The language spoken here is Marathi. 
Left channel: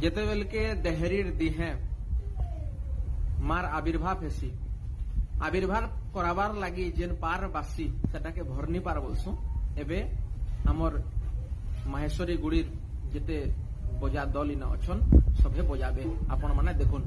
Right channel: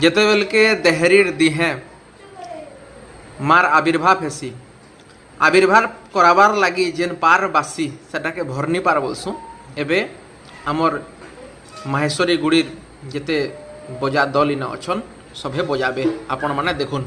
जेते बेल के देहरीर दिहे मार आविर्भाव हेसी आविर्भाव कराबार लगी जेन पार बासी सेटा के भरनी पार बोलसु एबे आमर माहेश्वरी गुड़ीर जेते बजा दल इन अच्छन सभे बजाबे आपण माने देखुन।